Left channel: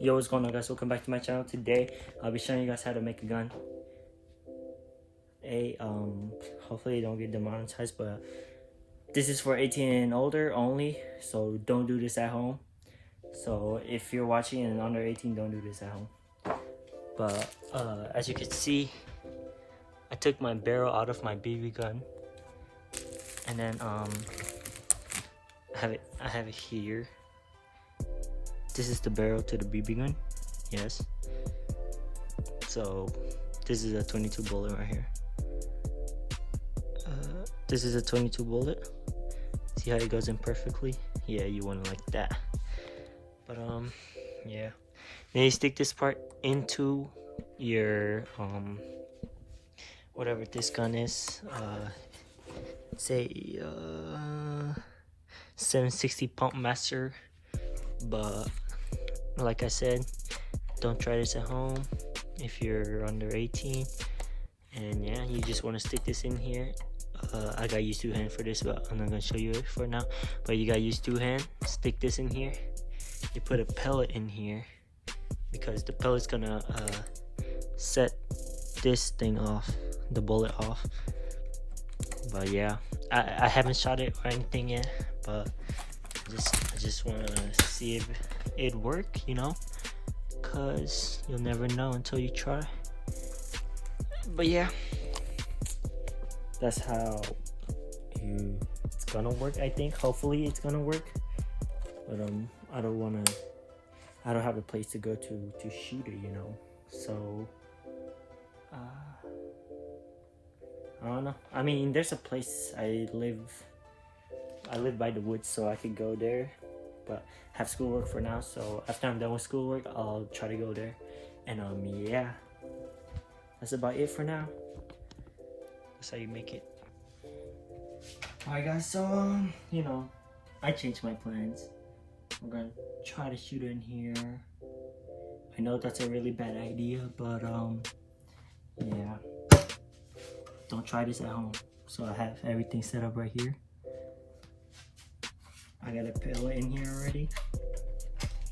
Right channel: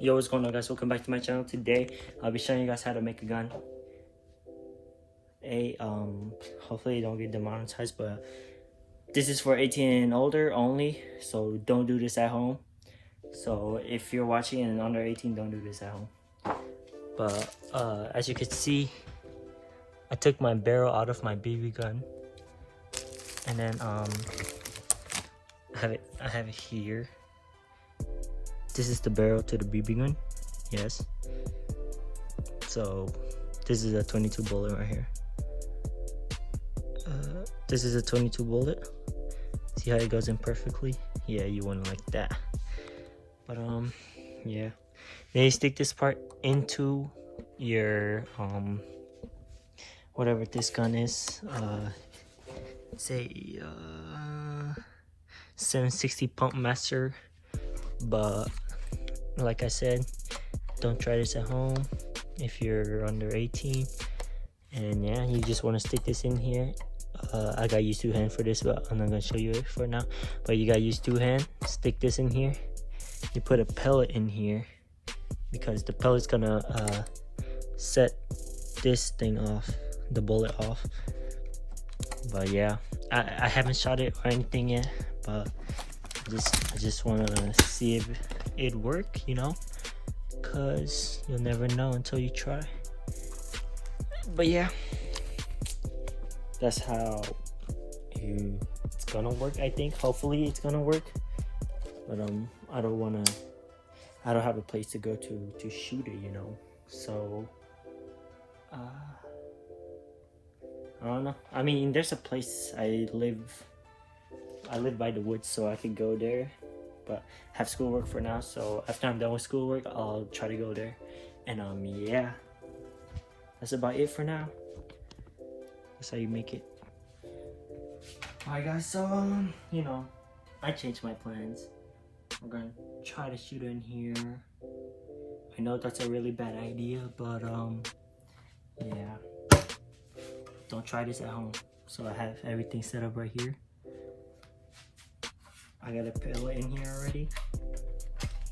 Yo, what's going on, guys? Welcome back to my channel. Today I'll be showing you guys how to make a gun. Hopefully you don't get demonetized, but this is for 18 and older only, so don't do this at home. So if you're watching and under 18, don't do this at home. But as you can see, I took my barrel out of my BB gun, and then I have it here. This is the barrel to the BB gun. Yes. So this is a 22 bullet right here. This is a 22 bullet. See how it goes in perfectly? Yeah, you want it like that. But yeah. Then you stick this part into your whatever this gun is. Say 760 pump master. But like I said, don't try this at home if you're under 18. And yeah, you just want to stick this in here. I got used two hand for this, but I'm not gonna show you it for now. But you got used two hand. Stick this in here. You put a pellet in here because the pellet's gonna set this thing off, the bullet off. But yeah, I haven't shot it or anything yet, but I just want to see if it'd work, you know, because you'll never know until you try. But yeah, that's how it's gonna work. I think hopefully it's gonna work, but I don't have a place to go to shoot it, you know. So I don't know. I mean, there's a place I live by the woods, so I could go there, but have schoolwork for now. So after I'm done with schoolwork, I'll try to go there. And yeah, that's about it for now. That's how you make it. Alright guys, so you know, I changed my plans. I'm gonna try to shoot in here. I know that's a really bad idea, but yeah, don't try this at home. So I have everything set up right here. I got a pellet in here already,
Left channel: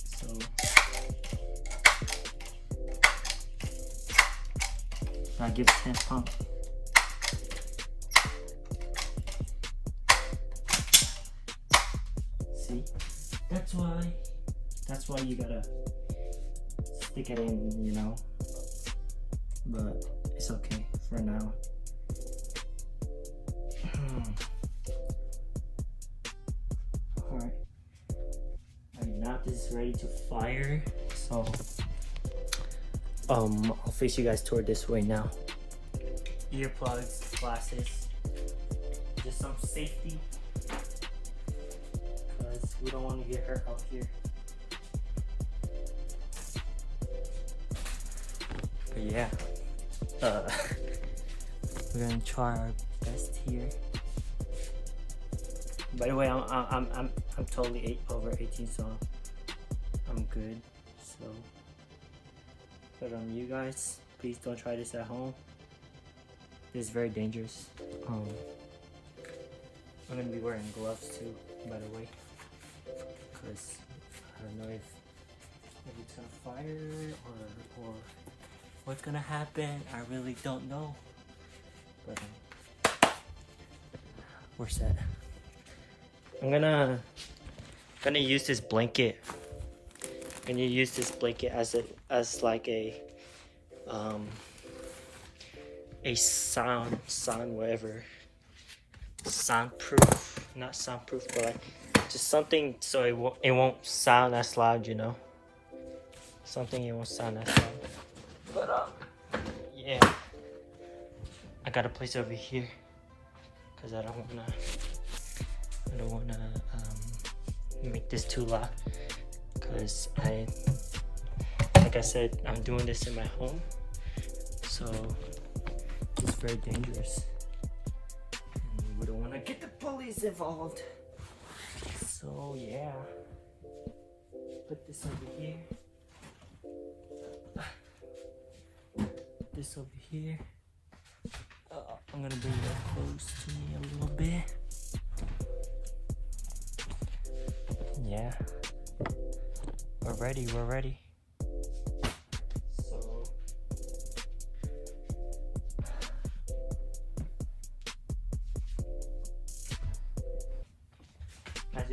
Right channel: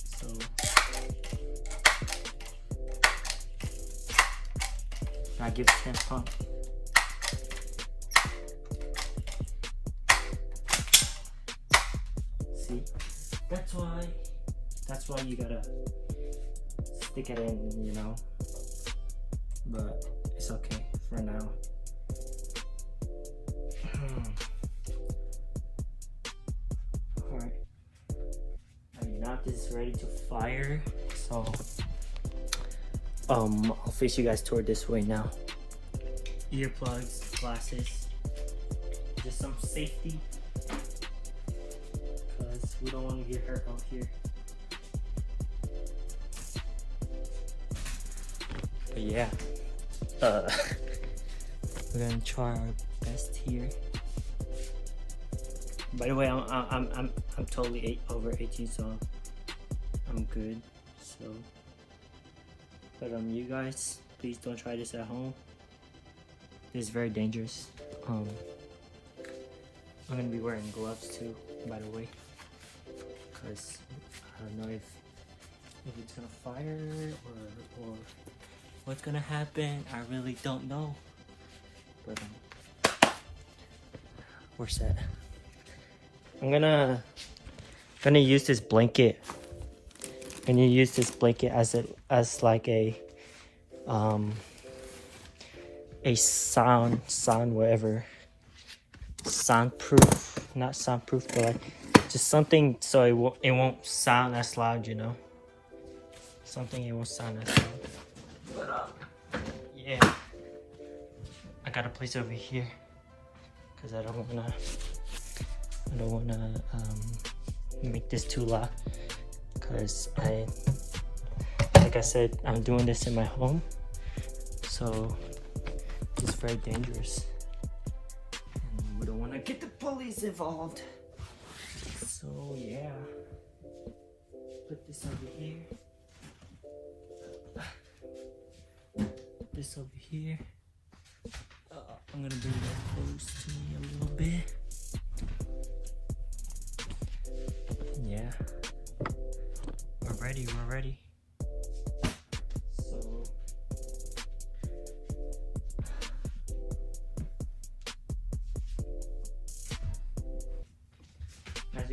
so I give it 10 pump. See, that's why you gotta stick it in, you know. But it's okay for now. Alright, now this is ready to fire, so I'll face you guys toward this way now. Earplugs, glasses, just some safety, because we don't want to get hurt out here. But yeah, we're gonna try our best here. By the way, I'm totally over 18, so I'm good. So, but you guys, please don't try this at home. This is very dangerous. I'm gonna be wearing gloves too, by the way, because I don't know if it's gonna fire or what's gonna happen. I really don't know. But we're set. I'm gonna use this blanket. I'm gonna use this blanket as like a whatever, soundproof, not soundproof, but like just something so it won't sound as loud, you know. Something it won't sound as loud. But yeah, I got a place over here because I don't wanna make this too loud, because like I said, I'm doing this in my home, so it's very dangerous and we don't want to get the police involved. So yeah, put this over here, put this over here. I'm gonna bring it up close to me a little bit. Yeah, we're ready.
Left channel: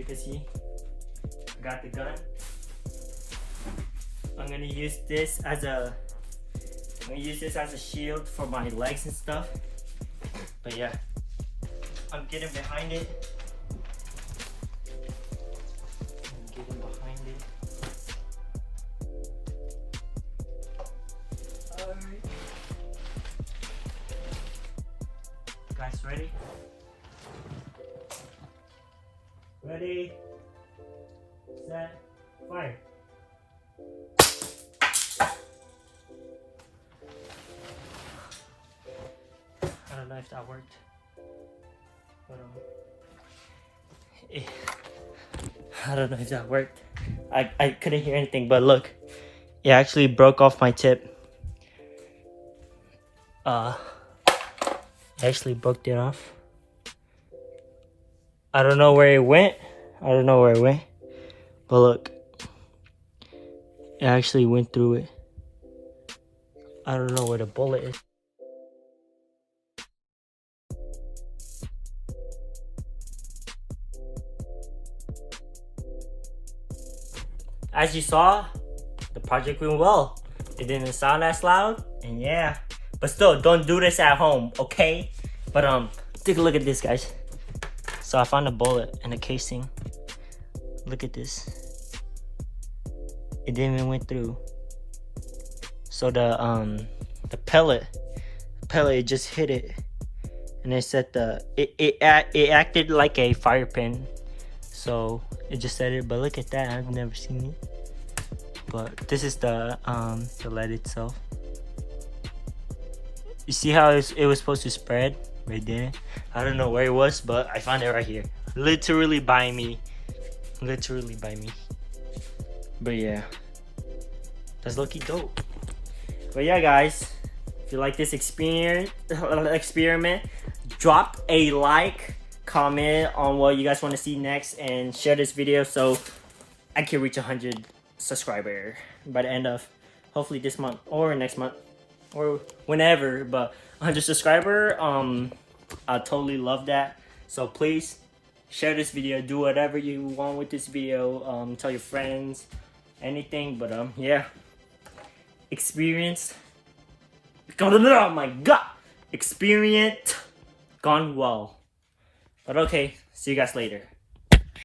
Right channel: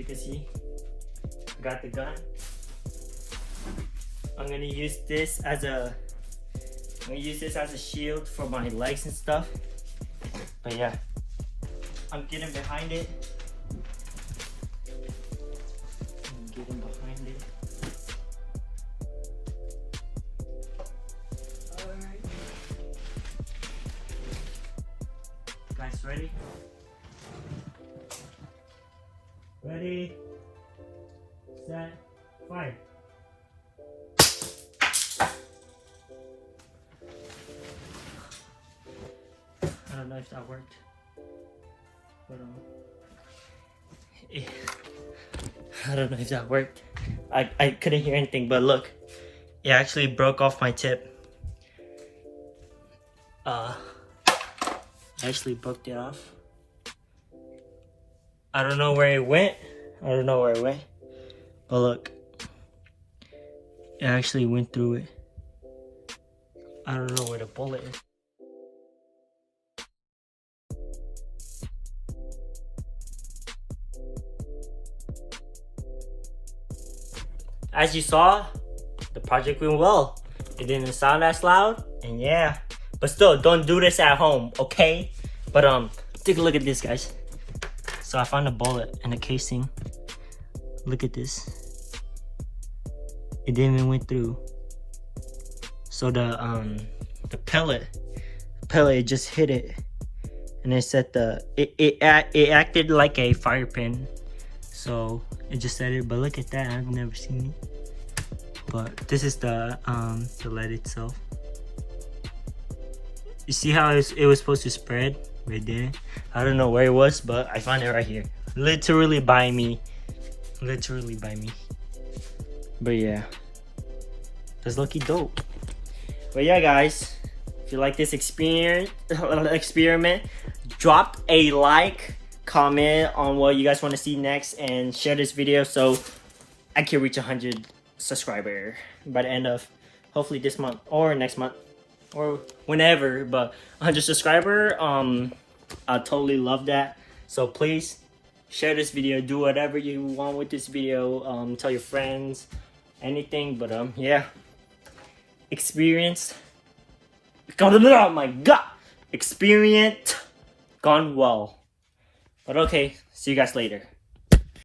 can see, I got the gun. I'm gonna use this as a shield for my legs and stuff. But yeah, I'm getting behind it. Alright. Guys, ready? Ready, set, fire. I don't know if that worked. I don't know if that worked. I couldn't hear anything, but look, it actually broke off my tip. I actually broke it off. I don't know where it went. But look, it actually went through it. I don't know where the bullet is. As you saw, the project went well. It didn't sound as loud, and yeah. But still, don't do this at home, okay? But take a look at this, guys. So I found a bullet in the casing. Look at this. It didn't even went through. So the pellet just hit it, and it said it acted like a fire pin. So it just said it, but look at that. I've never seen it. But this is the lead itself. You see how it was supposed to spread? It didn't. I don't know where it was, but I found it right here. Literally by me. But yeah, that's lucky dope. But yeah, guys, if you like this experiment, drop a like, comment on what you guys want to see next, and share this video so I can reach 100 subscribers by the end of hopefully this month or next month or whenever. But 100 subscribers, I totally love that. So please share this video, do whatever you want with this video, tell your friends, anything. But yeah, experience, oh my god, experience gone well. But okay, see you guys later.